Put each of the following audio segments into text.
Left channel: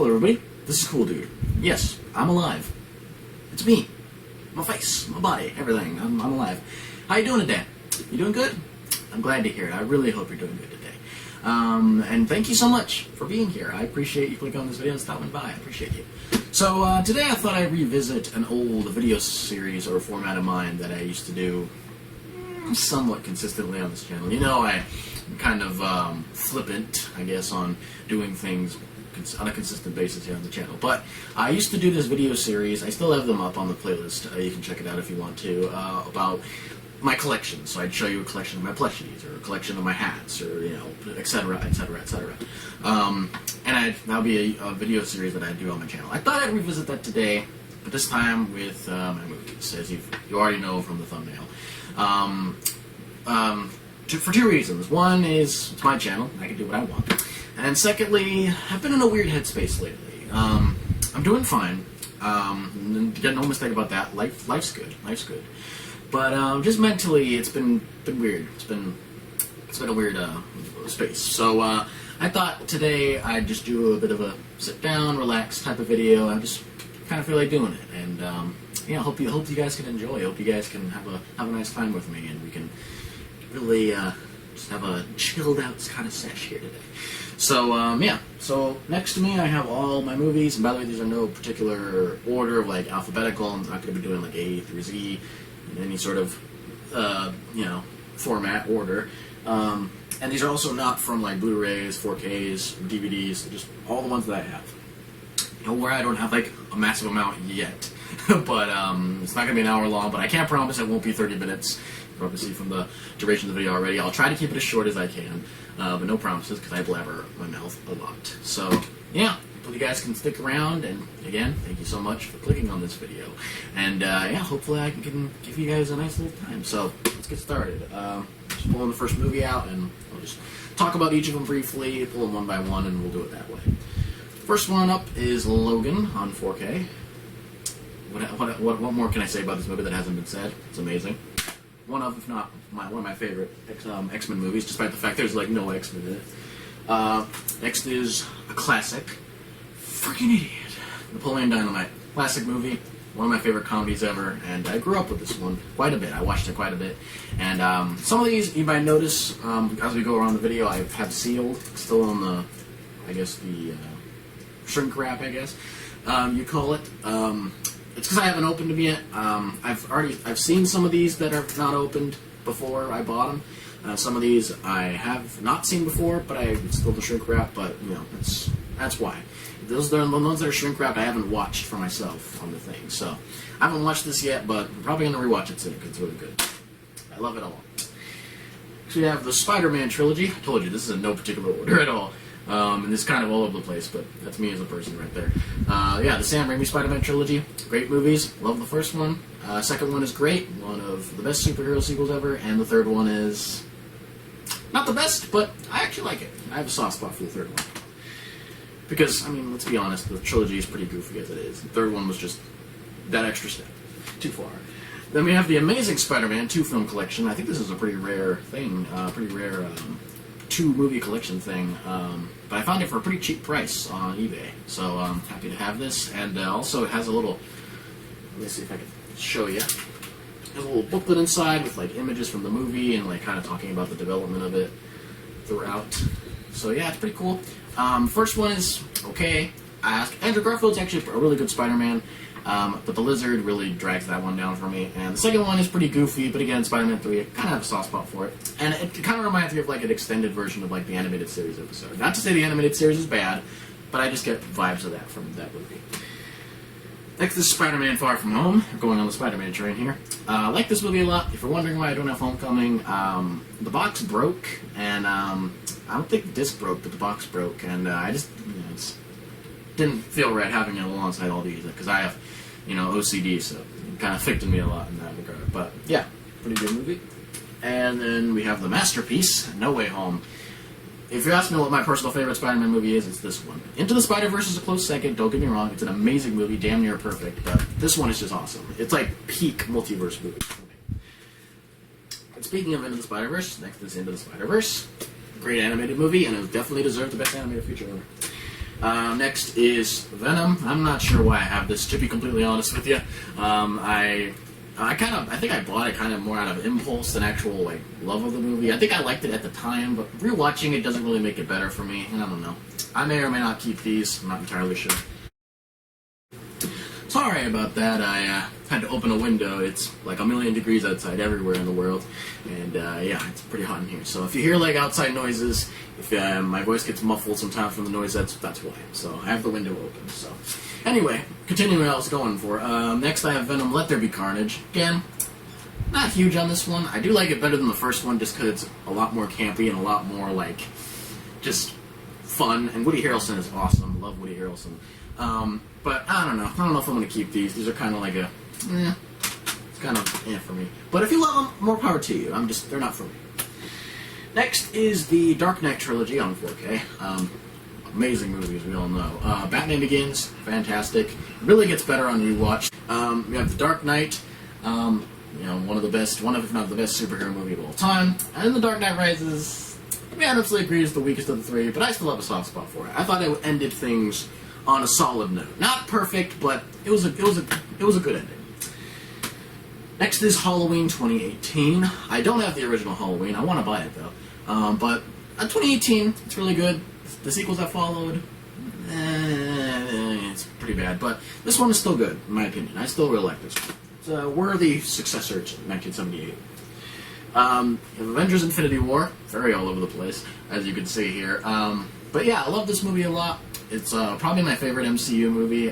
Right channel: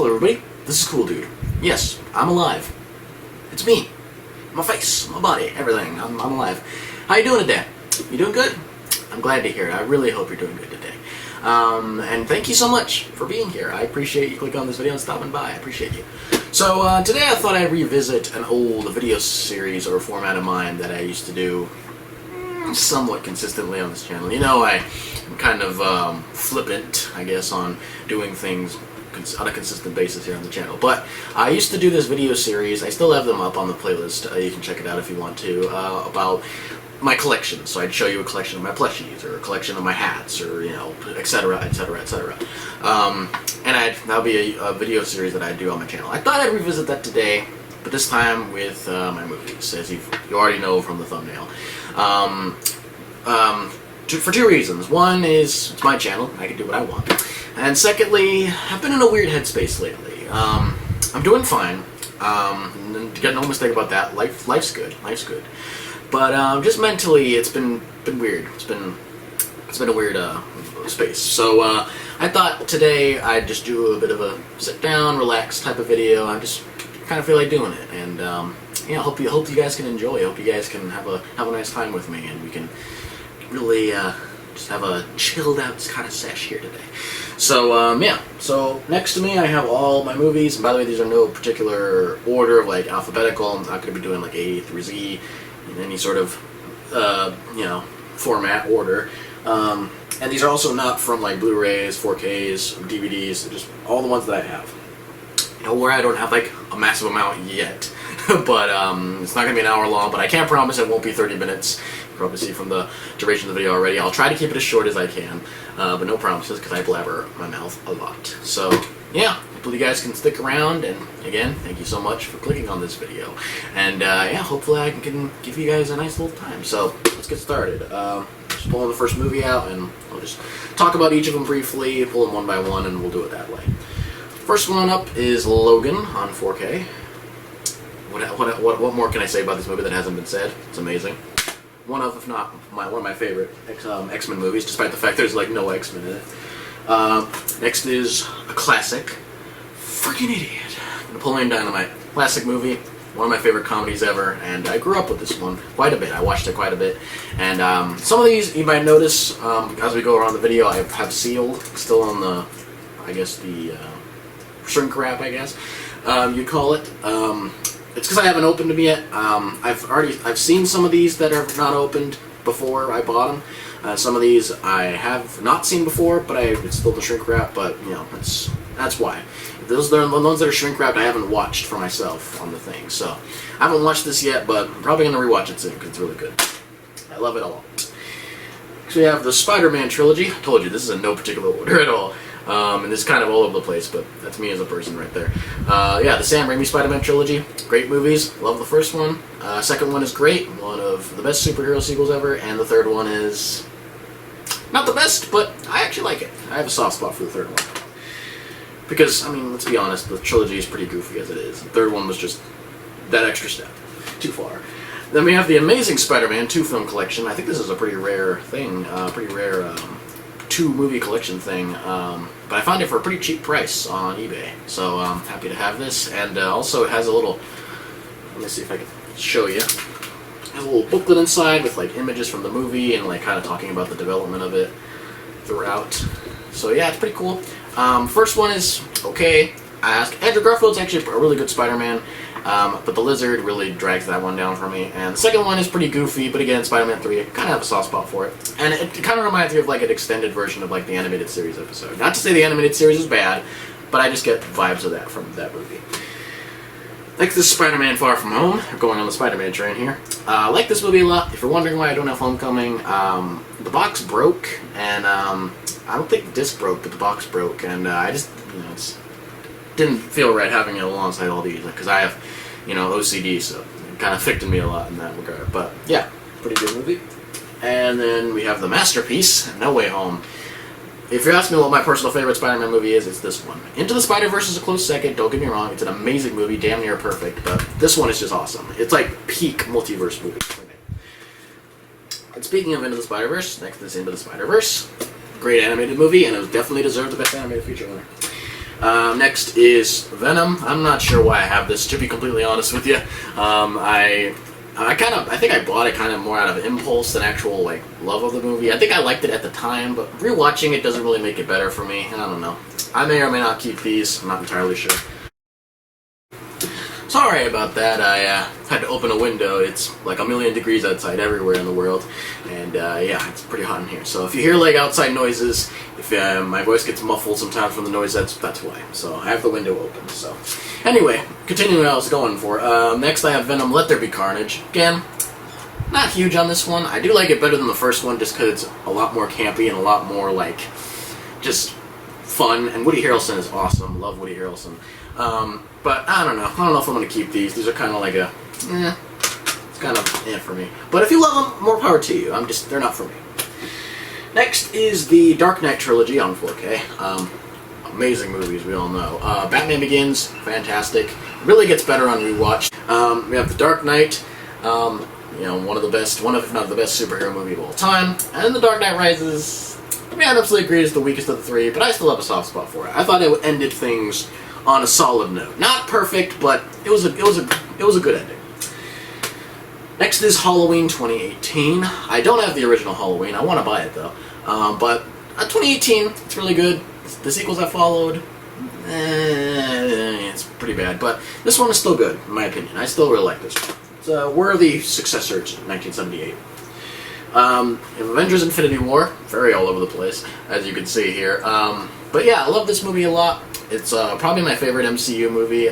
Hello everybody, this is Cool Dude. Yes, I'm alive. It's me. My face, my body, everything. I'm alive. How you doing today? You doing good? I'm glad to hear it. I really hope you're doing good today. And thank you so much for being here. I appreciate you clicking on this video and stopping by. I appreciate you. So today I thought I'd revisit an old video series or format of mine that I used to do somewhat consistently on this channel. You know, I'm kind of flippant, I guess, on doing things on a consistent basis here on the channel. But I used to do this video series. I still have them up on the playlist. You can check it out if you want to, about my collection. So I'd show you a collection of my plushies, or a collection of my hats, or, you know, etc., etc., etc. And that'll be a video series that I do on my channel. I thought I'd revisit that today, but this time with my movies, as you already know from the thumbnail. For two reasons. One is, it's my channel, I can do what I want. And secondly, I've been in a weird headspace lately. I'm doing fine. Get no mistake about that. Life's good. Life's good. But just mentally, it's been weird. It's been a weird space. So I thought today I'd just do a bit of a sit down, relax type of video. I just kind of feel like doing it, and yeah, hope you guys can enjoy. I hope you guys can have a nice time with me, and we can really just have a chilled out kind of sesh here today. So yeah, so next to me I have all my movies, and by the way, these are no particular order of like alphabetical. I'm not going to be doing like A through Z in any sort of you know, format order. And these are also not from like Blu-rays, 4Ks, DVDs, just all the ones that I have. You know, where I don't have like a massive amount yet, but it's not going to be an hour long, but I can't promise it won't be 30 minutes. Probably see from the duration of the video already. I'll try to keep it as short as I can, but no promises because I blabber my mouth a lot. So yeah, hopefully you guys can stick around, and again, thank you so much for clicking on this video. And yeah, hopefully I can give you guys a nice little time. So let's get started. Just pulling the first movie out, and I'll just talk about each of them briefly, pull them one by one, and we'll do it that way. First one up is Logan on 4K. What more can I say about this movie that hasn't been said? It's amazing. One of, if not one of my favorite X-Men movies, despite the fact there's like no X-Men in it. Next is a classic, freaking idiot, Napoleon Dynamite. Classic movie, one of my favorite comedies ever, and I grew up with this one quite a bit. I watched it quite a bit, and some of these you might notice as we go around the video, I have sealed, still on the, I guess the shrink wrap, I guess you'd call it. It's because I haven't opened them yet. I've seen some of these that are not opened before I bought them. Some of these I have not seen before, but it's still the shrink wrap. But you know, that's why. Those are the ones that are shrink wrapped. I haven't watched for myself on the thing, so I haven't watched this yet. But I'm probably gonna rewatch it soon because it's really good. I love it all. So we have the Spider-Man trilogy. I told you this is in no particular order at all. And it's kind of all over the place, but that's me as a person right there. Yeah, the Sam Raimi Spider-Man trilogy, great movies. Love the first one. Second one is great, one of the best superhero sequels ever, and the third one is not the best, but I actually like it. I have a soft spot for the third one. Because, I mean, let's be honest, the trilogy is pretty goofy as it is. The third one was just that extra step. Too far. Then we have the Amazing Spider-Man 2-film collection. I think this is a pretty rare thing, pretty rare 2-movie collection thing, but I found it for a pretty cheap price on eBay, so I'm happy to have this. And also it has a little, let me see if I can show you, it has a little booklet inside with like images from the movie and like kind of talking about the development of it throughout. So yeah, it's pretty cool. First one is okay. Andrew Garfield's actually a really good Spider-Man, but the Lizard really drags that one down for me. And the second one is pretty goofy, but again, Spider-Man 3, I kind of have a soft spot for it. And it kind of reminds me of like an extended version of like the animated series episode. Not to say the animated series is bad, but I just get vibes of that from that movie. Next is Spider-Man Far From Home. We're going on the Spider-Man train here. I like this movie a lot. If you're wondering why I don't have Homecoming, the box broke, and I don't think the disc broke, but the box broke, and I just, you know, it's didn't feel right having it alongside all these, because I have, you know, OCD, so it kind of affected me a lot in that regard. But yeah, pretty good movie. And then we have the masterpiece, No Way Home. If you're asking me what my personal favorite Spider-Man movie is, it's this one. Into the Spider-Verse is a close second, don't get me wrong, it's an amazing movie, damn near perfect, but this one is just awesome. It's like peak multiverse movie. And speaking of Into the Spider-Verse, next is Into the Spider-Verse. Great animated movie, and it definitely deserved the Best Animated Feature winner. Next is Venom. I'm not sure why I have this, to be completely honest with you. I think I bought it kind of more out of impulse than actual like love of the movie. I think I liked it at the time, but rewatching it doesn't really make it better for me. I don't know. I may or may not keep these. I'm not entirely sure. Sorry about that. I had to open a window. It's like a million degrees outside everywhere in the world, and yeah, it's pretty hot in here. So if you hear like outside noises, if my voice gets muffled sometimes from the noise, that's why. So I have the window open. So anyway, continuing what I was going for. Next, I have Venom: Let There Be Carnage. Again, not huge on this one. I do like it better than the first one, just because it's a lot more campy and a lot more like just fun. And Woody Harrelson is awesome. Love Woody Harrelson. But I don't know. I don't know if I'm going to keep these. These are kind of like it's kind of for me. But if you love them, more power to you. They're not for me. Next is the Dark Knight trilogy on 4K. Amazing movies, we all know. Batman Begins, fantastic. Really gets better on rewatch. We have the Dark Knight, one of if not the best superhero movie of all time. And the Dark Knight Rises, I absolutely agree, is the weakest of the three, but I still have a soft spot for it. I thought it ended things on a solid note. Not perfect, but it was a good ending. Next is Halloween 2018. I don't have the original Halloween. I want to buy it though. But 2018, it's really good. The sequels that followed, it's pretty bad. But this one is still good, in my opinion. I still really like this one. It's a worthy successor to 1978. Avengers: Infinity War, very all over the place, as you can see here. But yeah, I love this movie a lot. It's probably my favorite MCU movie.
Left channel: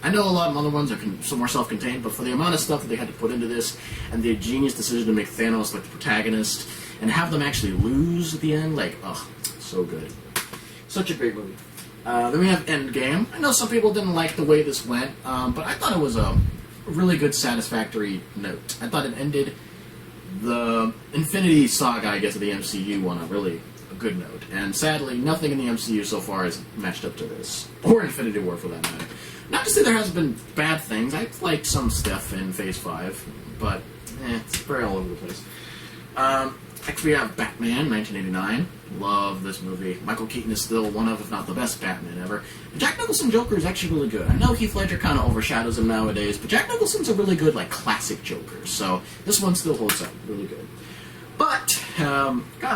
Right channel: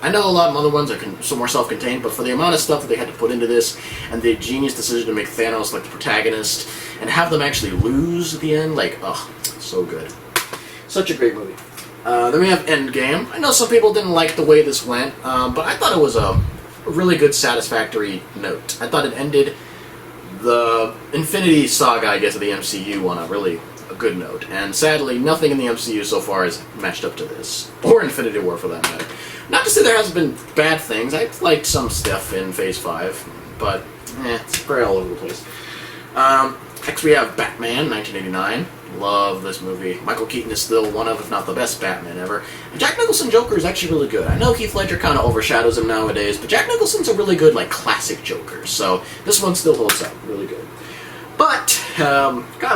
I know a lot of other ones are more self-contained, but for the amount of stuff that they had to put into this, and the genius decision to make Thanos like the protagonist, and have them actually lose at the end, like, oh, so good. Such a great movie. Then we have Endgame. I know some people didn't like the way this went, but I thought it was a really good, satisfactory note. I thought it ended the Infinity Saga, I guess, of the MCU on a really good note. And sadly, nothing in the MCU so far has matched up to this. Or Infinity War, for that matter. Not to say there hasn't been bad things. I liked some stuff in Phase 5, but it's very all over the place. Next we have Batman, 1989. Love this movie. Michael Keaton is still one of, if not the best Batman ever. And Jack Nicholson Joker is actually really good. I know Heath Ledger kind of overshadows him nowadays, but Jack Nicholson's a really good, like, classic Joker. So this one still holds up. Really good. But,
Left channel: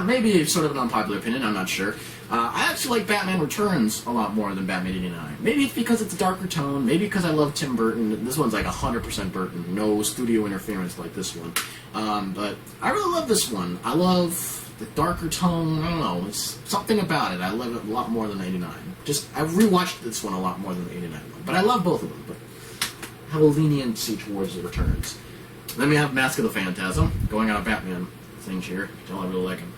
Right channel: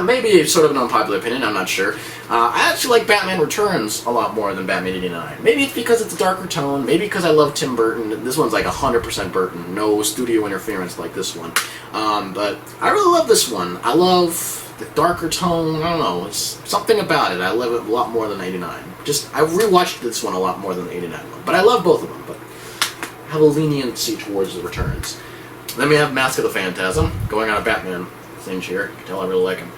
maybe sort of an unpopular opinion, I'm not sure. I actually like Batman Returns a lot more than Batman 89. Maybe it's because it's a darker tone, maybe because I love Tim Burton. This one's like 100% Burton, no studio interference like this one. But I really love this one. I love the darker tone, I don't know, it's something about it. I love it a lot more than 89. I rewatched this one a lot more than the 89 one. But I love both of them, but I have a leniency towards the Returns. Then we have Mask of the Phantasm, going on a Batman things here. You can tell I really like him.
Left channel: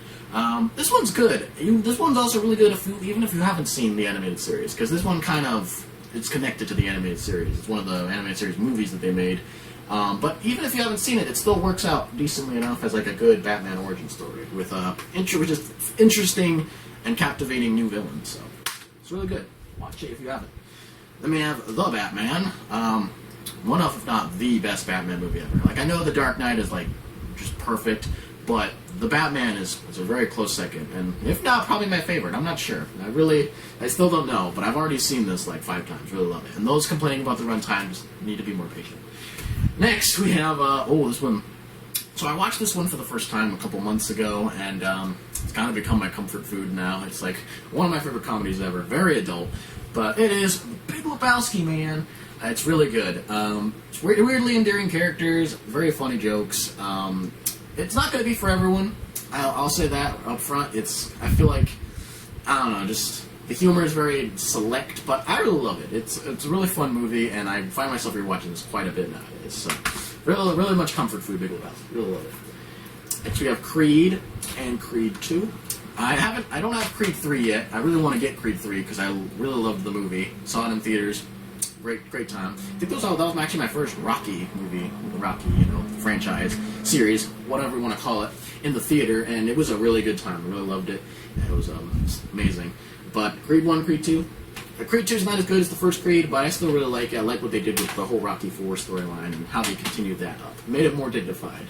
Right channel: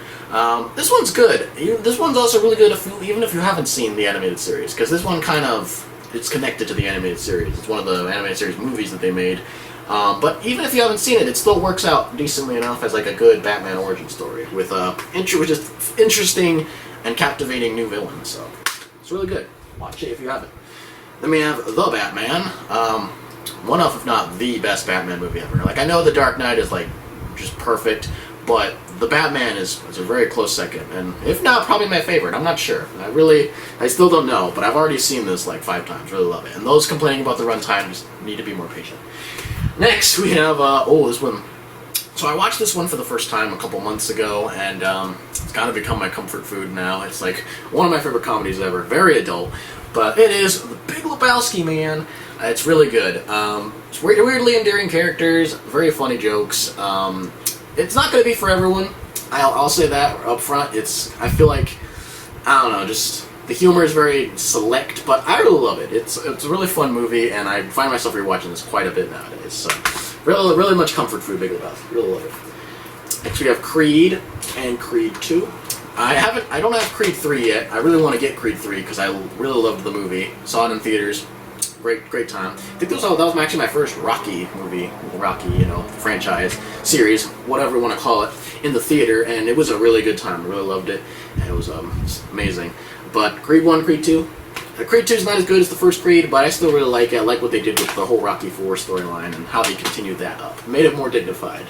This one's good. This one's also really good even if you haven't seen the animated series, because this one it's connected to the animated series. It's one of the animated series movies that they made. But even if you haven't seen it, it still works out decently enough as like a good Batman origin story with just interesting and captivating new villains. So it's really good. Watch it if you haven't. Then we have The Batman. One of, if not the best Batman movie ever. Like, I know The Dark Knight is like just perfect, but The Batman is a very close second, and if not, probably my favorite. I'm not sure. I still don't know, but I've already seen this like 5 times. Really love it. And those complaining about the runtime just need to be more patient. Next, we have, this one. So I watched this one for the first time a couple months ago, and it's kind of become my comfort food now. It's like one of my favorite comedies ever. Very adult, but it is The Big Lebowski, man. It's really good. It's weirdly endearing characters, very funny jokes. It's not going to be for everyone. I'll say that up front. I feel like, I don't know, just the humor is very select, but I really love it. It's a really fun movie, and I find myself rewatching this quite a bit nowadays. So, really much comfort food, Big Lebowski. Really love it. Next we have Creed and Creed 2. I don't have Creed 3 yet. I really want to get Creed 3 because I really loved the movie. Saw it in theaters. Great time. I think that was actually my first Rocky movie, franchise, series, whatever you want to call it, in the theater, and it was a really good time. I really loved it, and it was amazing. But Creed 1, Creed 2, Creed 2 is not as good as the first Creed, but I still really like it. I like what they did with the whole Rocky 4 storyline and how they continued that up. Made it more dignified.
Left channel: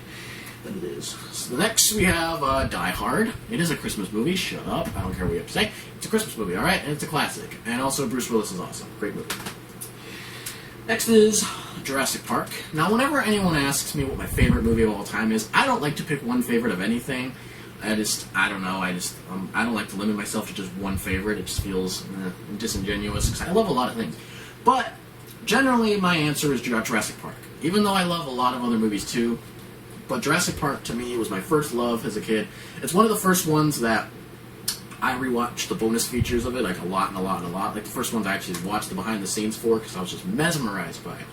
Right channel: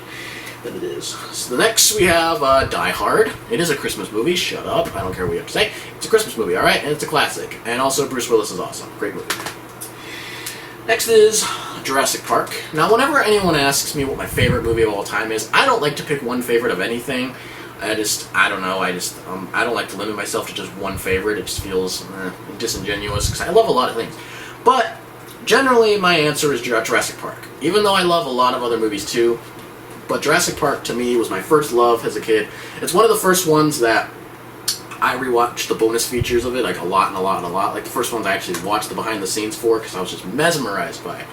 than it is. So the next we have Die Hard. It is a Christmas movie. Shut up. I don't care what you have to say. It's a Christmas movie, alright? And it's a classic. And also Bruce Willis is awesome. Great movie. Next is Jurassic Park. Now, whenever anyone asks me what my favorite movie of all time is, I don't like to pick one favorite of anything. I don't know, I don't like to limit myself to just one favorite. It just feels disingenuous, because I love a lot of things. But, generally, my answer is Jurassic Park. Even though I love a lot of other movies too, but Jurassic Park, to me, was my first love as a kid. It's one of the first ones that I rewatched the bonus features of it, like, a lot and a lot and a lot. Like, the first ones I actually watched the behind-the-scenes for, because I was just mesmerized by it.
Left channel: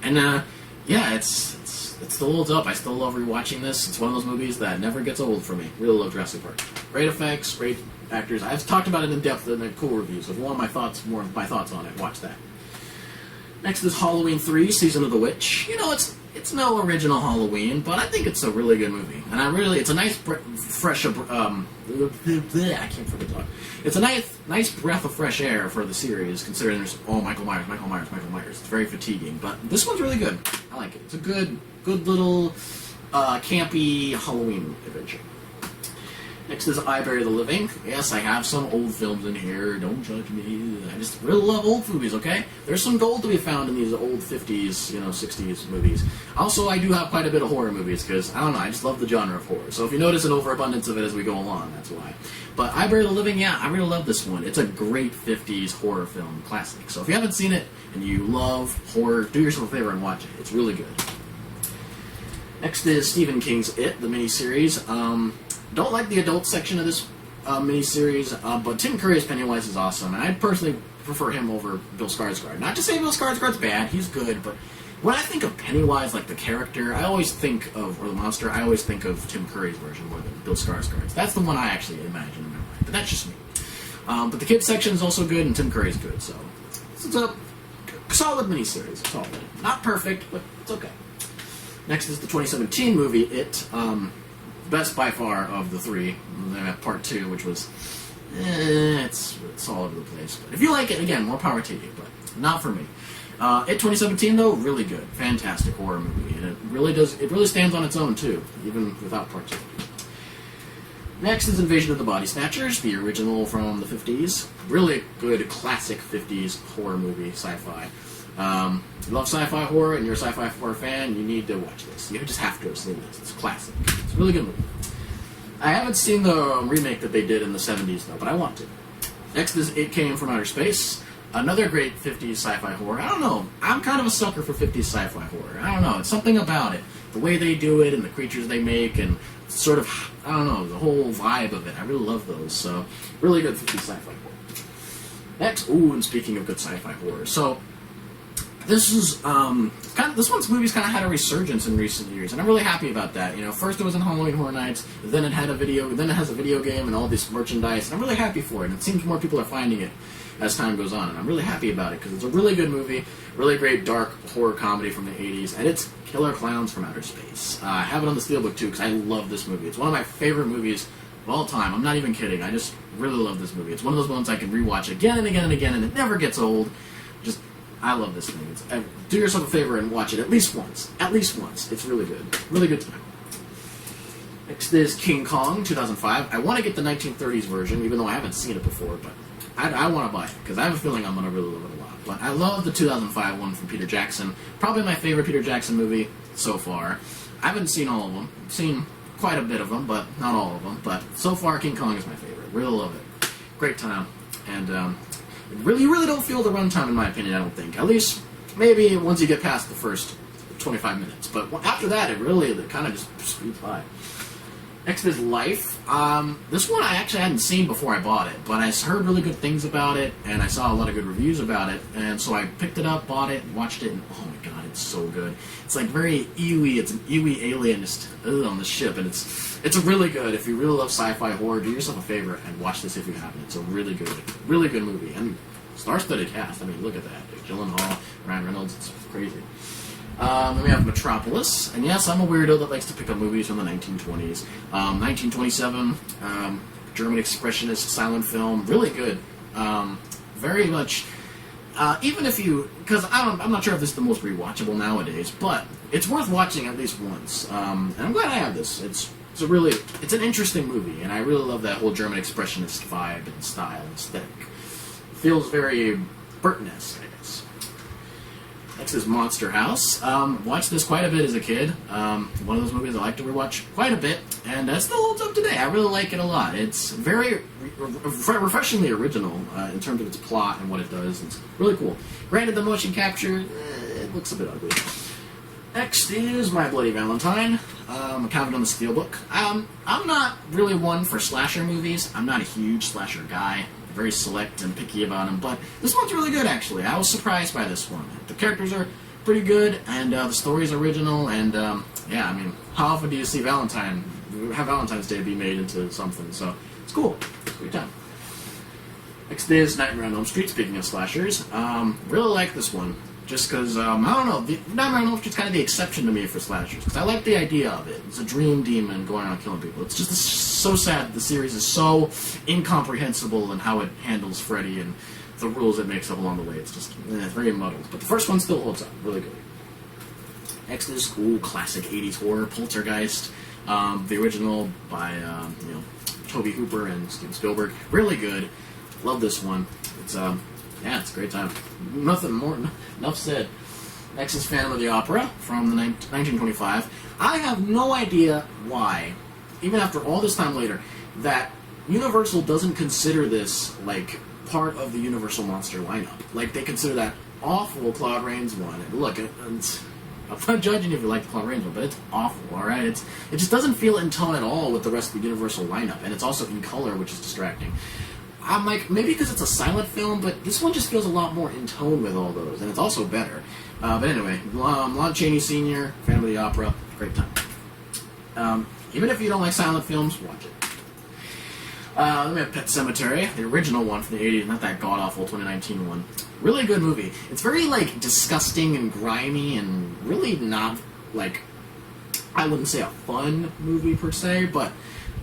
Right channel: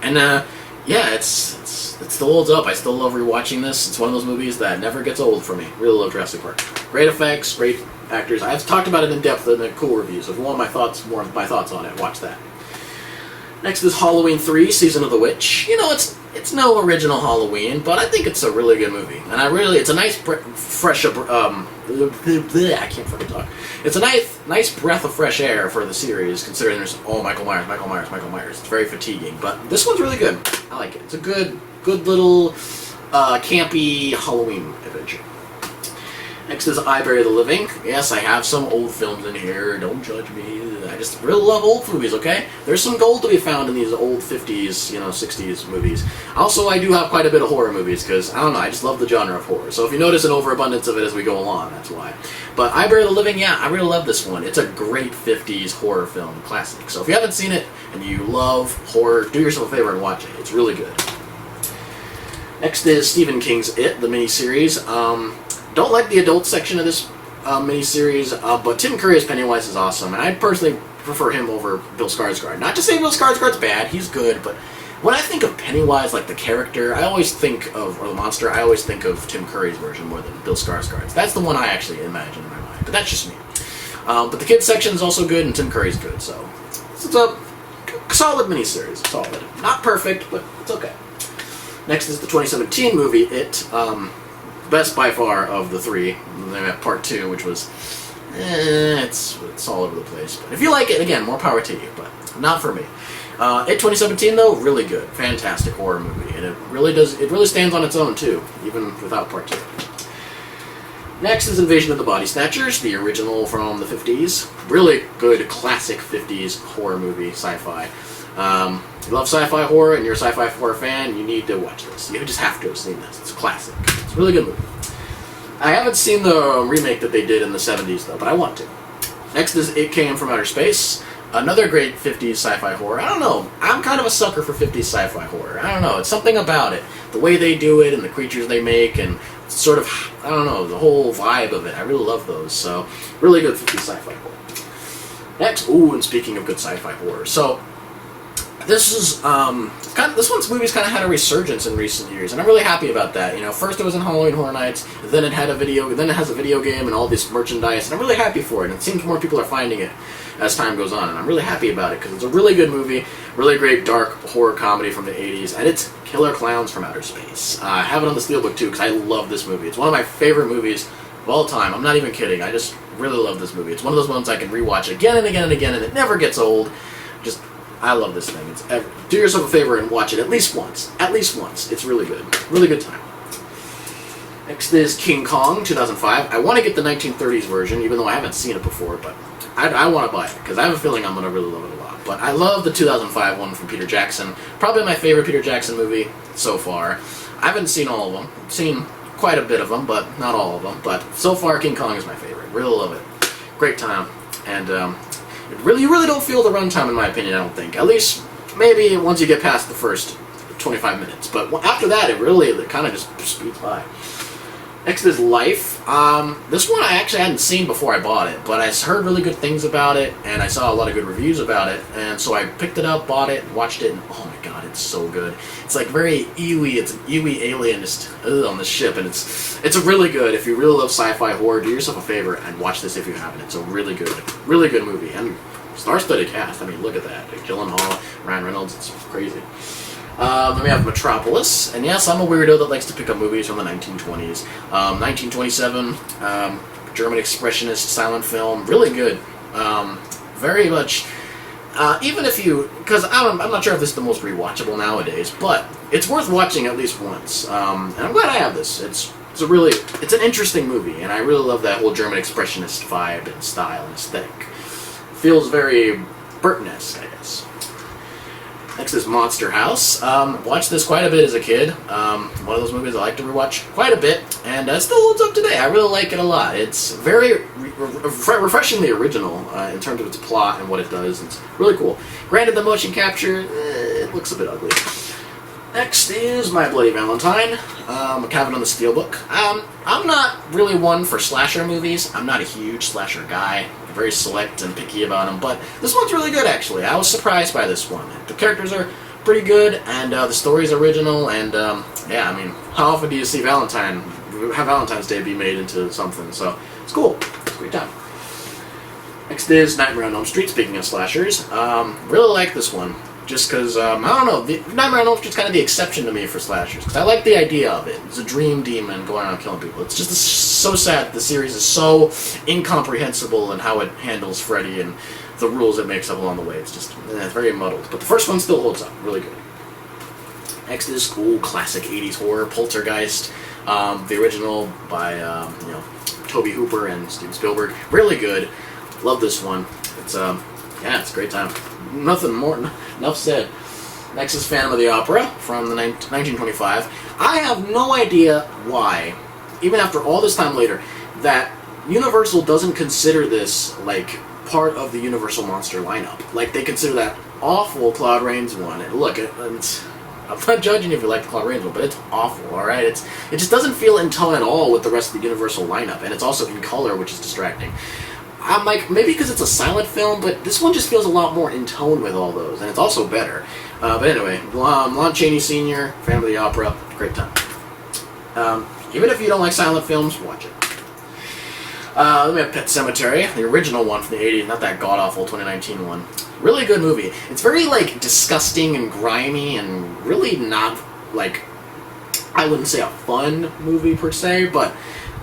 And, yeah, it still holds up. I still love rewatching this. It's one of those movies that never gets old for me. Really love Jurassic Park. Great effects, great actors. I've talked about it in depth in a cool review, so if you want more of my thoughts on it, watch that. Next is Halloween 3, Season of the Witch. You know, it's no original Halloween, but I think it's a really good movie. And it's a nice, fresh, I can't fucking talk. It's a nice breath of fresh air for the series, considering there's, Michael Myers. It's very fatiguing, but this one's really good. I like it. It's a good little, campy Halloween adventure. Next is I Bury the Living. Yes, I have some old films in here. Don't judge me. I just really love old movies, okay? There's some gold to be found in these old 50s, 60s movies. Also, I do have quite a bit of horror movies, because, I don't know, I just love the genre of horror. So if you notice an overabundance of it as we go along, that's why. But I Bury the Living, yeah, I really love this one. It's a great 50s horror film classic. So if you haven't seen it, and you love horror, do yourself a favor and watch it. It's really good. Next is Stephen King's It, the miniseries. Don't like the adult section of this miniseries, but Tim Curry as Pennywise is awesome, and I personally prefer him over Bill Skarsgård. Not to say Bill Skarsgård's bad, he's good, but when I think of Pennywise, like the character, or the monster, I always think of Tim Curry's version more than Bill Skarsgård's. That's the one I actually imagine in my mind, but that's just me. But the kids section is also good, and Tim Curry's good, so it's a solid miniseries. Solid. Not perfect, but it's okay. Next is the 2017 movie, It. Best by far of the three. Then we have part 2, which was, it's all over the place. But if you like it, again, more power to you, but not for me. It 2017 though, really good, fantastic horror movie, and it really stands on its own too, even without part 2. Next is Invasion of the Body Snatchers, the original from the 50s. Really good classic 50s horror movie, sci-fi. You love sci-fi horror and you're a sci-fi horror fan, you need to watch this. You just have to have seen this. It's a classic. It's a really good movie. I haven't seen the remake that they did in the 70s though, but I want to. Next is It Came from Outer Space. Another great 50s sci-fi horror. I don't know. I'm kind of a sucker for 50s sci-fi horror. I don't know. It's something about it. The way they do it and the creatures they make and sort of, I don't know, the whole vibe of it. I really love those. So, really good 50s sci-fi horror. Next, and speaking of good sci-fi horror. So, this is this movie's kind of had a resurgence in recent years, and I'm really happy about that. First it was in Halloween Horror Nights, then it has a video game and all this merchandise, and I'm really happy for it. And it seems more people are finding it as time goes on, and I'm really happy about it because it's a really good movie, really great dark horror comedy from the 80s, and it's Killer Clowns from Outer Space. I have it on the Steelbook too because I love this movie. It's one of my favorite movies of all time. I'm not even kidding. I just really love this movie. It's one of those ones I can rewatch again and again and again, and it never gets old. I love this thing. Do yourself a favor and watch it at least once. At least once. It's really good. Really good time. Next is King Kong, 2005. I want to get the 1930s version, even though I haven't seen it before, but I want to buy it, because I have a feeling I'm going to really love it a lot. But I love the 2005 one from Peter Jackson. Probably my favorite Peter Jackson movie so far. I haven't seen all of them. I've seen quite a bit of them, but not all of them. But so far, King Kong is my favorite. Really love it. Great time. And, you really don't feel the runtime, in my opinion, I don't think. At least, maybe once you get past the first 25 minutes. But after that, it kind of just speeds by. Next is Life. This one I actually hadn't seen before I bought it, but I heard really good things about it, and I saw a lot of good reviews about it, and so I picked it up, bought it, watched it, and oh my god, it's so good. It's like very Eewee, it's an Eewee alienist on the ship, and it's really good. If you really love sci-fi horror, do yourself a favor and watch this if you haven't. It's a really good movie, and star-studded cast. I mean, look at that. Gyllenhaal, Ryan Reynolds, it's crazy. Then we have Metropolis, and yes, I'm a weirdo that likes to pick up movies from the 1920s. 1927, German expressionist silent film, really good. Very much, even if you, because I'm not sure if this is the most rewatchable nowadays, but it's worth watching at least once. And I'm glad I have this. It's an interesting movie, and I really love that whole German expressionist vibe and style and aesthetic. Feels very Burton-esque, I guess. Next is Monster House. Watched this quite a bit as a kid. One of those movies I like to rewatch quite a bit, and it still holds up today. I really like it a lot. It's very refreshingly original in terms of its plot and what it does. It's really cool. Granted, the motion capture, it looks a bit ugly. Next is My Bloody Valentine. A Cabin on the Steelbook. I'm not really one for slasher movies. I'm not a huge slasher guy. Very select and picky about them, but this one's really good, actually. I was surprised by this one. The characters are pretty good, and the story's original, and yeah, I mean, how often do you see Valentine's Day be made into something? So it's cool. It's a great time. Next is Nightmare on Elm Street. Speaking of slashers, really like this one. Just because, I don't know, Nightmare on Elm Street's kind of the exception to me for slashers. Because I like the idea of it. It's a dream demon going around killing people. It's just so sad that the series is so incomprehensible in how it handles Freddy and the rules it makes up along the way. It's just, it's very muddled. But the first one still holds up. Really good. Next is classic 80s horror, Poltergeist. The original by, Tobe Hooper and Steven Spielberg. Really good. Love this one. It's, yeah, it's a great time. Enough said. Next is Phantom of the Opera from 1925. I have no idea why, even after all this time later, that Universal doesn't consider this, like, part of the Universal Monster lineup. Like, they consider that awful Claude Rains one. And look, I'm not judging you if you like the Claude Rains one, but it's awful, alright? It just doesn't feel in tone at all with the rest of the Universal lineup, and it's also in color, which is distracting. I'm like, maybe because it's a silent film, but this one just feels a lot more in tone with all those, and it's also better. But anyway, Lon Chaney Sr., Phantom of the Opera, great time. Even if you don't like silent films, watch it. Then we have Pet Sematary, the original one from the 80s, not that god-awful 2019 one. Really good movie. It's very, like, disgusting and grimy and really not, like, I wouldn't say a fun movie per se, but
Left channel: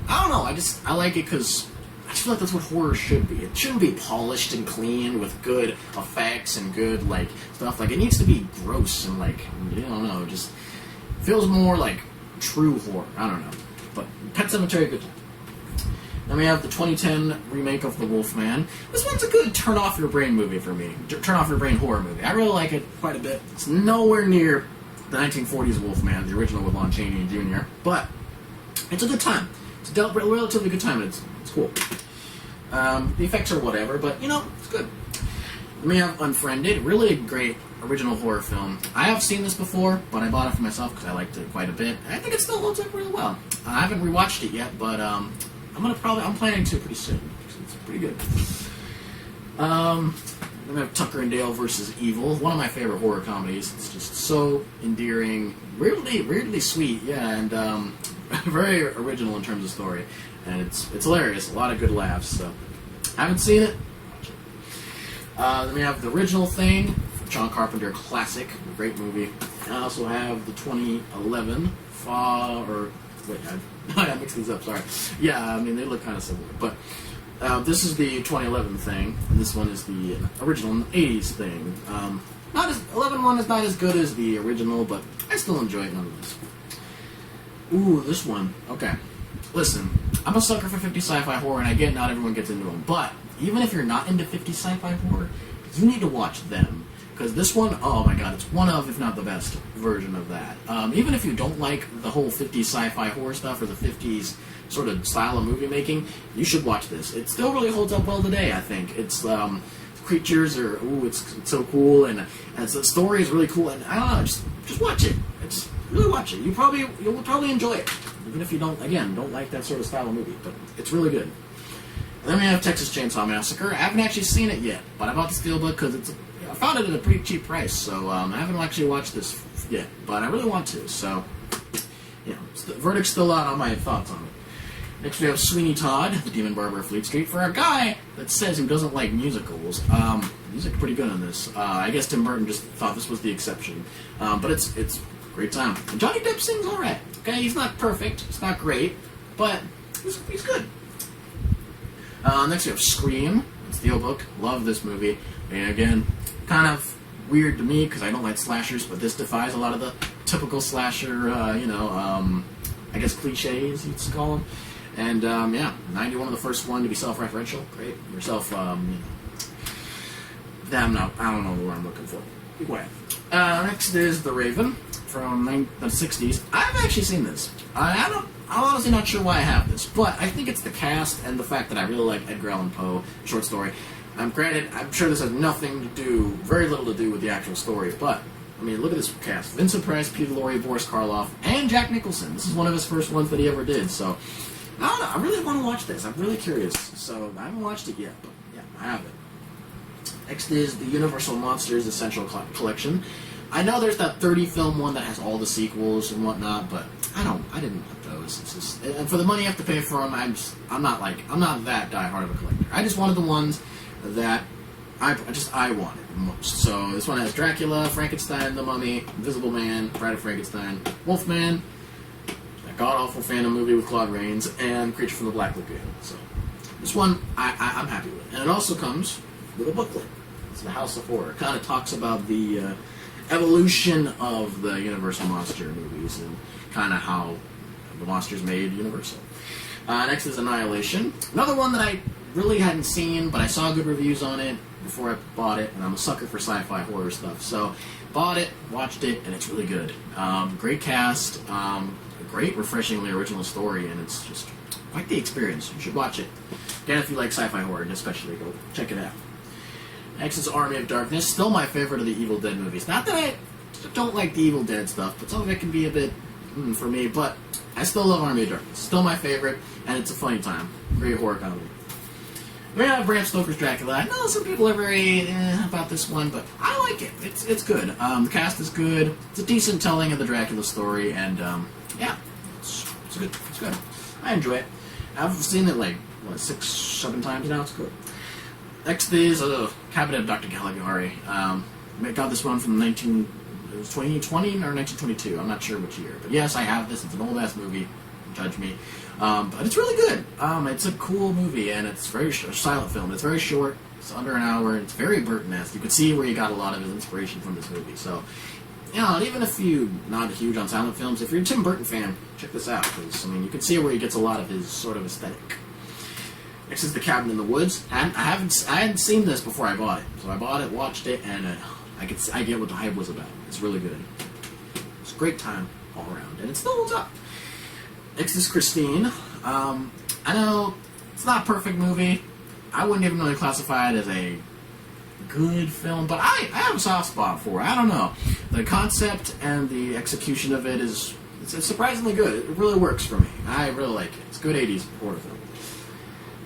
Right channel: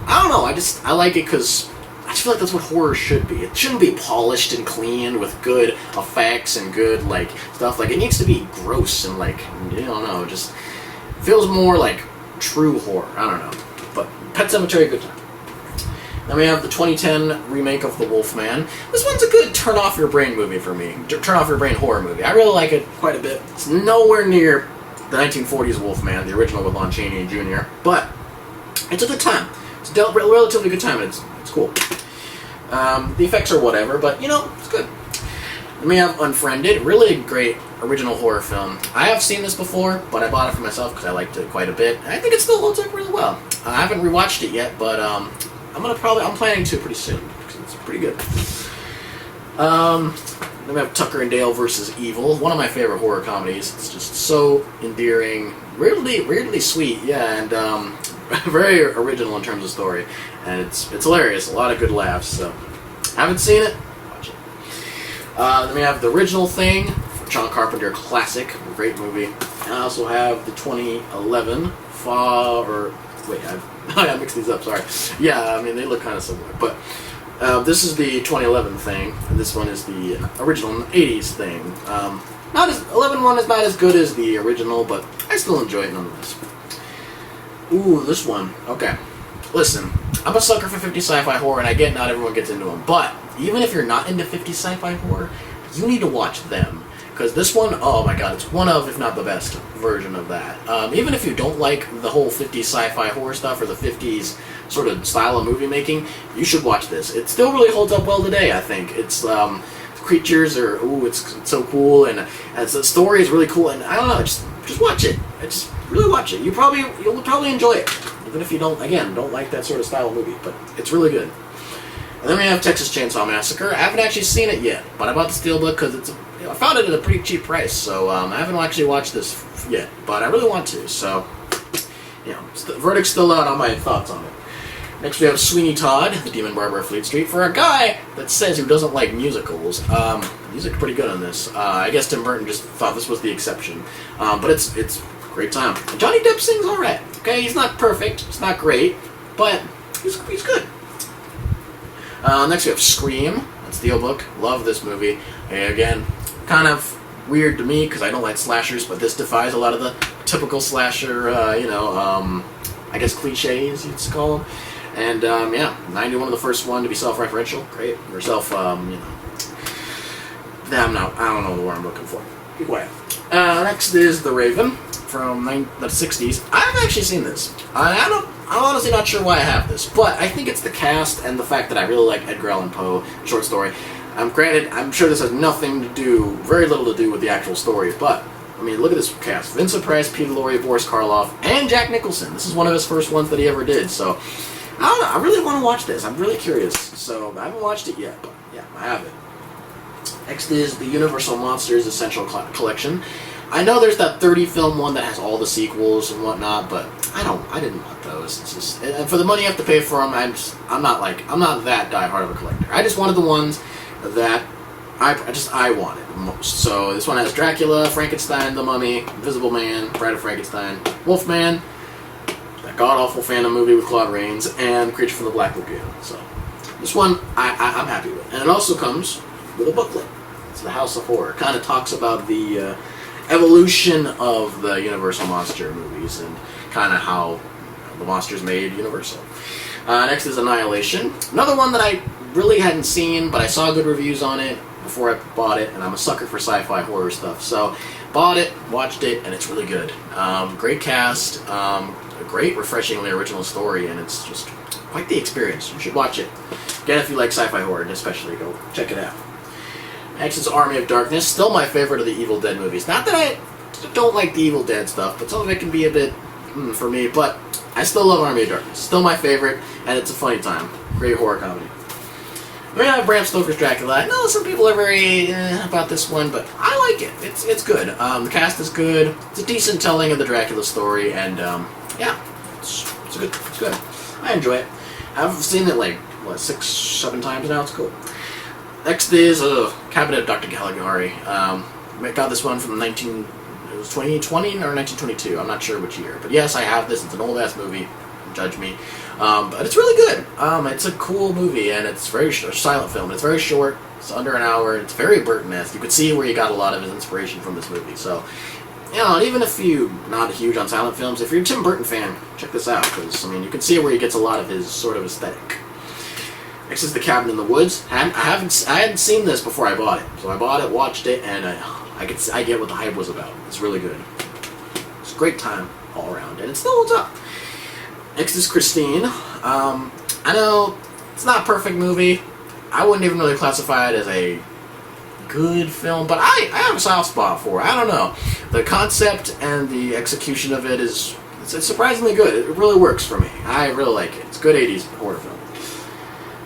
I don't know, I like it because I just feel like that's what horror should be. It shouldn't be polished and clean with good effects and good, like, stuff. Like, it needs to be gross and, like, I don't know, just feels more like true horror. I don't know. But Pet Sematary, good time. Then we have the 2010 remake of The Wolfman. This one's a good turn-off-your-brain movie for me. Turn-off-your-brain horror movie. I really like it quite a bit. It's nowhere near the 1940s Wolfman, the original with Lon Chaney Jr., but it's a good time. It's a relatively good time, and it's cool. The effects are whatever, but, it's good. Then we have Unfriended, really great original horror film. I have seen this before, but I bought it for myself because I liked it quite a bit. I think it still holds up really well. I haven't rewatched it yet, but I'm planning to pretty soon because it's pretty good. Then we have Tucker and Dale versus Evil, one of my favorite horror comedies. It's just so endearing, weirdly sweet, yeah, and very original in terms of story, and it's hilarious. A lot of good laughs. So, haven't seen it? Watch it. Then we have The Original Thing, John Carpenter classic, great movie. And I also have the 2011 I mixed these up. Sorry. Yeah, I mean they look kind of similar, but this is the 2011 thing, and this one is the original 80s thing. 11 one is not as good as the original, but I still enjoy it nonetheless. Ooh, this one. Okay. Listen, I'm a sucker for 50 sci-fi horror, and I get not everyone gets into them, but even if you're not into 50 sci-fi horror, you need to watch them. Because this one, oh my god, it's one of, if not the best version of that. Even if you don't like the whole 50s sci-fi horror stuff or the 50s sort of style of movie making, you should watch this. It still really holds up well today, I think. It's, creatures are, it's so cool, and the story is really cool, and I don't know, just watch it. Just really watch it. You'll probably enjoy it. Even if you don't like that sort of style of movie, but it's really good. And then we have Texas Chainsaw Massacre. I haven't actually seen it yet, but I bought the Steelbook because I found it at a pretty cheap price, so I haven't actually watched this yet, but I really want to, so, the verdict's still out on my thoughts on it. Next we have Sweeney Todd, The Demon Barber of Fleet Street. For a guy that says who doesn't like musicals, he's pretty good on this. I guess Tim Burton just thought this was the exception, but it's a great time. And Johnny Depp sings alright, okay? He's not perfect, he's not great, but he's good. Next we have Scream, Steelbook. Love this movie. And again, kind of weird to me because I don't like slashers, but this defies a lot of the typical slasher, I guess cliches you'd call them. And yeah, 91 of the first one to be self-referential, great. Or I don't know the word I'm looking for. Be quiet. Next is The Raven from the 60s. I've actually seen this. I'm honestly not sure why I have this, but I think it's the cast and the fact that I really like Edgar Allan Poe short story. Granted, I'm sure this has very little to do with the actual story, but I mean, look at this cast: Vincent Price, Peter Lorre, Boris Karloff, and Jack Nicholson. This is one of his first ones that he ever did. So I don't know. I really want to watch this. I'm really curious. So I haven't watched it yet, but yeah, I have it. Next is the Universal Monsters Essential Collection. I know there's that 30-film one that has all the sequels and whatnot, but I didn't want those. It's just, and for the money you have to pay for them, I'm not that diehard of a collector. I just wanted the ones that I wanted most. So this one has Dracula, Frankenstein, The Mummy, Invisible Man, Bride of Frankenstein, Wolfman, that god-awful Phantom movie with Claude Rains, and Creature from the Black Lagoon. So this one I'm happy with. And it also comes with a booklet. It's The House of Horror. It kind of talks about the evolution of the Universal Monster movies and kind of how the monsters made Universal. Next is Annihilation. Another one that I really hadn't seen, but I saw good reviews on it before I bought it, and I'm a sucker for sci-fi horror stuff. So bought it, watched it, and it's really good. Great cast, a great, refreshingly original story, and it's just quite the experience. You should watch it. Again, if you like sci-fi horror, and especially go check it out. Next is Army of Darkness. Still my favorite of the Evil Dead movies. Not that I don't like the Evil Dead stuff, but some of it can be a bit for me, but I still love Army of Darkness. Still my favorite, and it's a funny time. Great horror comedy. We have Bram Stoker's Dracula. I know some people are very about this one, but I like it. It's good. The cast is good. It's a decent telling of the Dracula story, and yeah, it's good. It's good. I enjoy it. I've seen it like 6, 7 times now. It's cool. Next is Cabinet of Dr. Caligari. I got this one from 2020 or 1922. I'm not sure which year, but yes, I have this. It's an old ass movie. Judge me. But it's really good. It's a cool movie, and it's very silent film. It's very short. It's under an hour. It's very Burton-esque. You could see where he got a lot of his inspiration from this movie. So, even if you're not huge on silent films, if you're a Tim Burton fan, check this out, because you can see where he gets a lot of his sort of aesthetic. Next is The Cabin in the Woods. I hadn't seen this before I bought it, so I bought it, watched it, and I get what the hype was about. It's really good. It's a great time all around, and it still holds up. Next is Christine. I know it's not a perfect movie. I wouldn't even really classify it as a good film, but I have a soft spot for it. I don't know. The concept and the execution of it it's surprisingly good. It really works for me. I really like it. It's a good 80s horror film.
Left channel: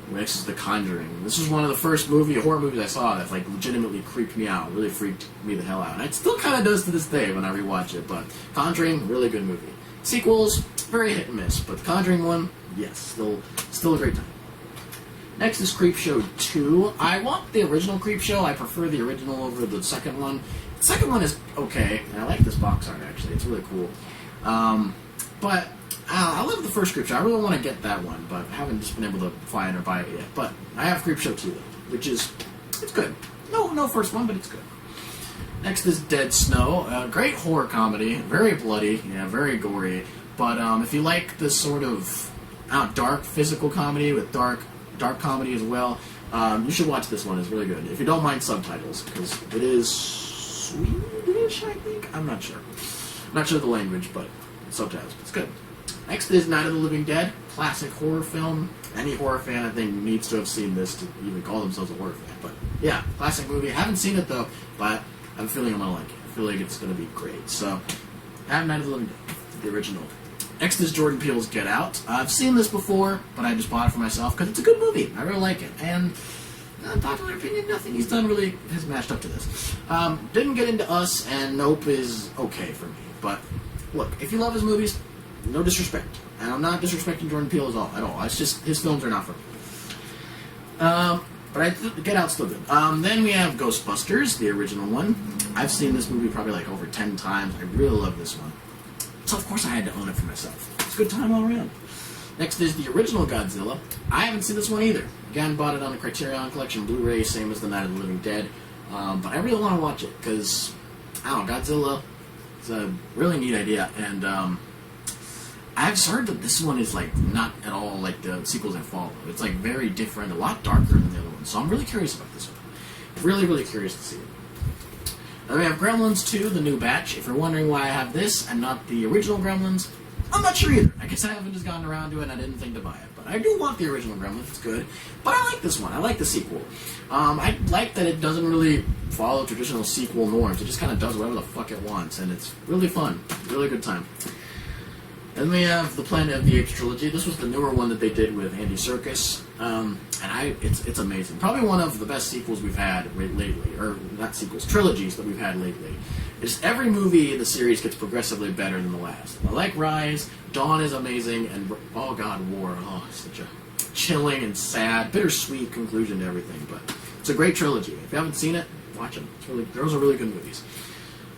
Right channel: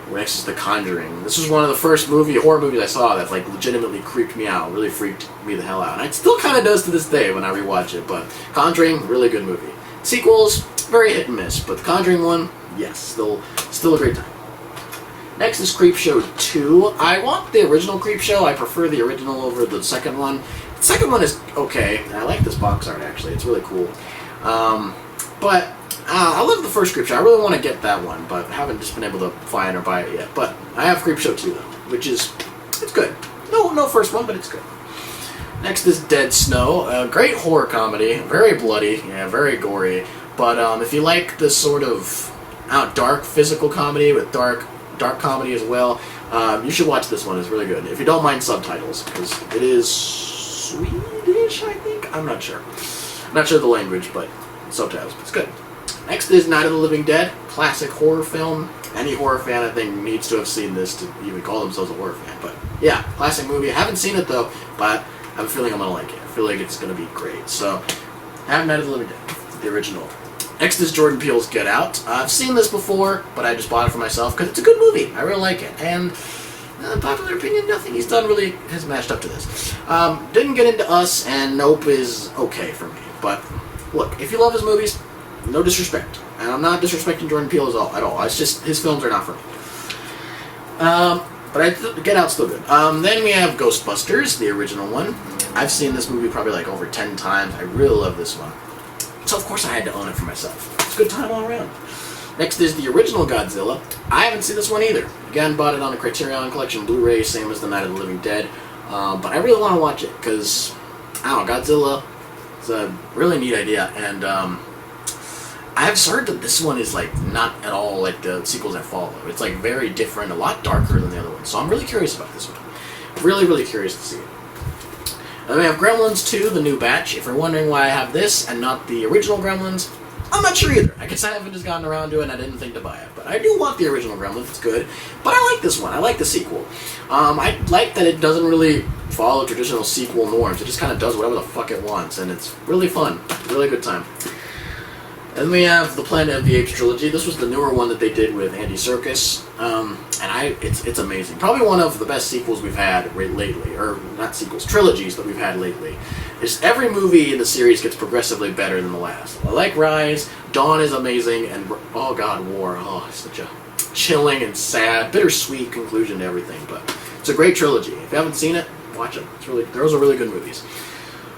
Next is The Conjuring. This was one of the first horror movies I saw that legitimately creeped me out, really freaked me the hell out. And it still kind of does to this day when I rewatch it, but Conjuring, really good movie. Sequels, very hit and miss, but The Conjuring one, yes, still a great time. Next is Creepshow 2. I want the original Creepshow. I prefer the original over the second one. The second one is okay. I like this box art, actually. It's really cool. But I love the first Creepshow. I really want to get that one, but I haven't just been able to find or buy it yet. But I have Creepshow 2, though, which is, it's good. No first one, but it's good. Next is Dead Snow. A great horror comedy. Very bloody. Yeah, very gory. But if you like this sort of dark physical comedy with dark comedy as well, you should watch this one. It's really good. If you don't mind subtitles, because it is Swedish, I think? I'm not sure. I'm not sure the language, but subtitles. It's good. Next is Night of the Living Dead. Classic horror film. Any horror fan, I think, needs to have seen this to even call themselves a horror fan. But yeah, classic movie. I haven't seen it, though, but I have a feeling I'm going to like it. I feel like it's going to be great. So, I have Night of the Living Dead, the original. Next is Jordan Peele's Get Out. I've seen this before, but I just bought it for myself because it's a good movie. I really like it. And, in popular opinion, nothing he's done really has matched up to this. Didn't get into Us, and Nope is okay for me. But, look, if you love his movies, no disrespect. And I'm not disrespecting Jordan Peele at all. It's just, his films are not for me. But Get Out's still good. Then we have Ghostbusters, the original one. I've seen this movie probably over 10 times. I really love this one. So, of course, I had to own it for myself. It's a good time all around. Next is the original Godzilla. I haven't seen this one either. Again, bought it on the Criterion Collection Blu-ray, same as The Night of the Living Dead. But I really want to watch it because, I don't know, Godzilla, it's a really neat idea. And I've heard that this one is like not at all like the sequels that follow. It's like very different, a lot darker than the other one. So I'm really curious about this one. Really, really curious to see it. And then we have Gremlins 2, the new batch. If you're wondering why I have this and not the original Gremlins, I'm not sure either. I guess I haven't just gotten around to it and I didn't think to buy it. But I do want the original Gremlins, it's good. But I like this one, I like the sequel. I like that it doesn't really follow traditional sequel norms. It just kind of does whatever the fuck it wants. And it's really fun, really good time. And we have the Planet of the Apes trilogy. This was the newer one that they did with Andy Serkis, it's amazing. Probably one of the best sequels we've had lately, or not sequels, trilogies that we've had lately. Is every movie in the series gets progressively better than the last. I like Rise, Dawn is amazing, and oh god, War. Oh, it's such a chilling and sad, bittersweet conclusion to everything. But it's a great trilogy. If you haven't seen it, watch them. Those are really good movies.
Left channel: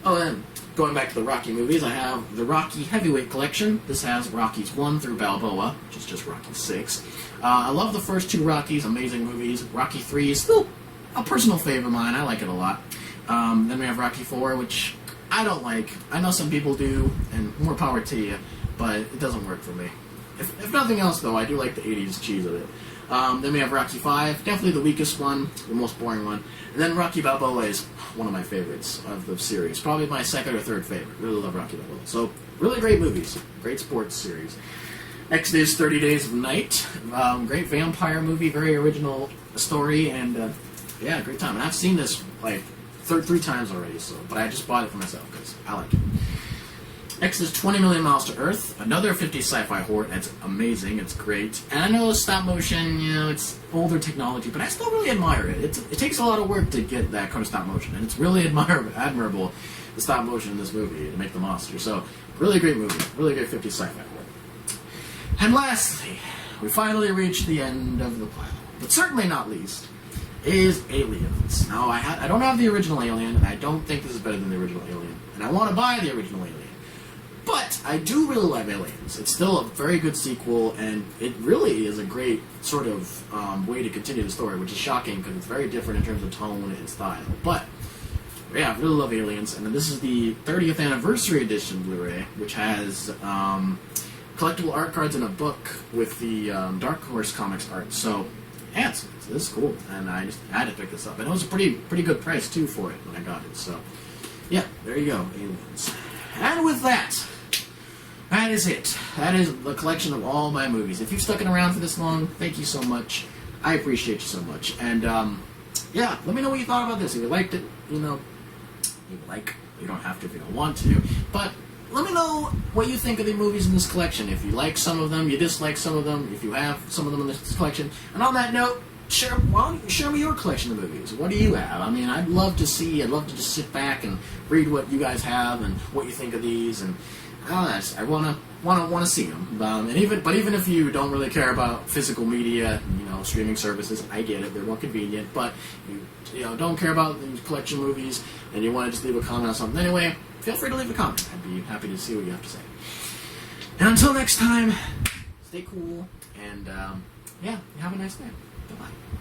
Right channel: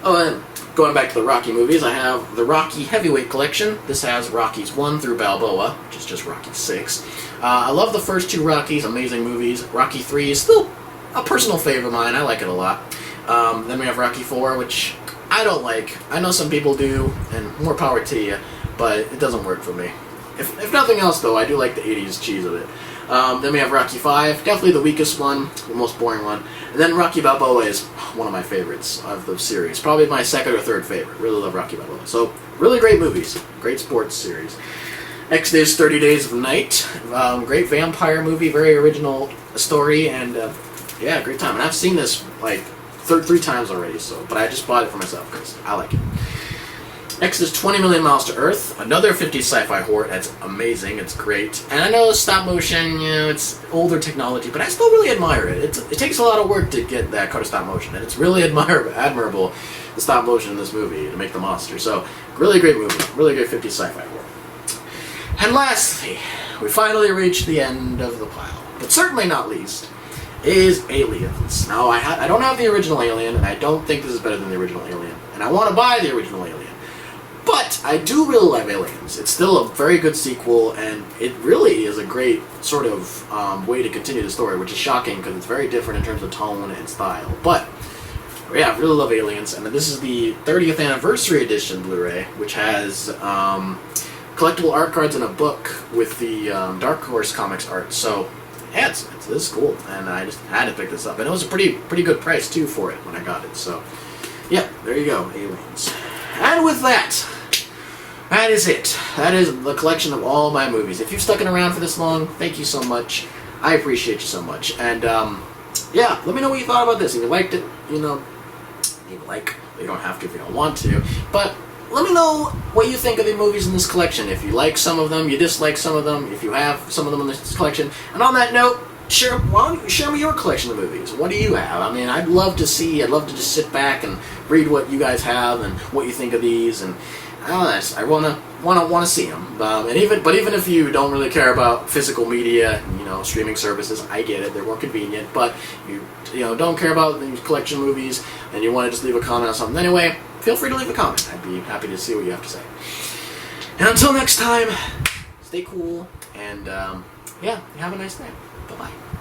Oh, and going back to the Rocky movies, I have the Rocky Heavyweight Collection. This has Rockies 1 through Balboa, which is just Rocky 6. I love the first two Rockies, amazing movies. Rocky 3 is still a personal favorite of mine. I like it a lot. Then we have Rocky 4, which I don't like. I know some people do, and more power to you, but it doesn't work for me. If nothing else, though, I do like the 80s cheese of it. Then we have Rocky 5, definitely the weakest one, the most boring one. And then Rocky Balboa is one of my favorites of the series. Probably my second or third favorite. Really love Rocky Balboa. So, really great movies. Great sports series. Next is 30 Days of Night. Great vampire movie, very original story, and yeah, great time. And I've seen this like three times already, but I just bought it for myself because I like it. Next is 20 Million Miles to Earth, another 50s sci-fi horror. That's amazing, it's great. And I know stop motion, it's older technology, but I still really admire it. It takes a lot of work to get that kind of stop motion, and it's really admirable, the stop motion in this movie to make the monster. So, really great movie, really great 50s sci-fi horror. And lastly, we finally reached the end of the pile, but certainly not least, is Aliens. Now, I don't have the original Alien, and I don't think this is better than the original Alien, and I want to buy the original Alien. But I do really love Aliens. It's still a very good sequel, and it really is a great sort of way to continue the story, which is shocking because it's very different in terms of tone and style. But yeah, I really love Aliens, and this is the 30th anniversary edition Blu-ray, which has collectible art cards and a book with the Dark Horse Comics art. So yeah, this is cool, and I just had to pick this up, and it was a pretty good price too for it when I got it. So yeah, there you go, Aliens. And with that. That is it. That is the collection of all my movies. If you've stuck around for this long, thank you so much. I appreciate you so much. And, yeah, let me know what you thought about this. If you liked it, you don't have to if you don't want to. But let me know what you think of the movies in this collection. If you like some of them, you dislike some of them, if you have some of them in this collection. And on that note, why don't you share me your collection of movies? What do you have? I mean, I'd love to just sit back and read what you guys have and what you think of these, and I wanna see them. But even if you don't really care about physical media, streaming services, I get it. They're more convenient. But you don't care about the collection of movies, and you want to just leave a comment on something anyway, feel free to leave a comment. I'd be happy to see what you have to say. And until next time, stay cool, and yeah, have a nice day. Bye-bye.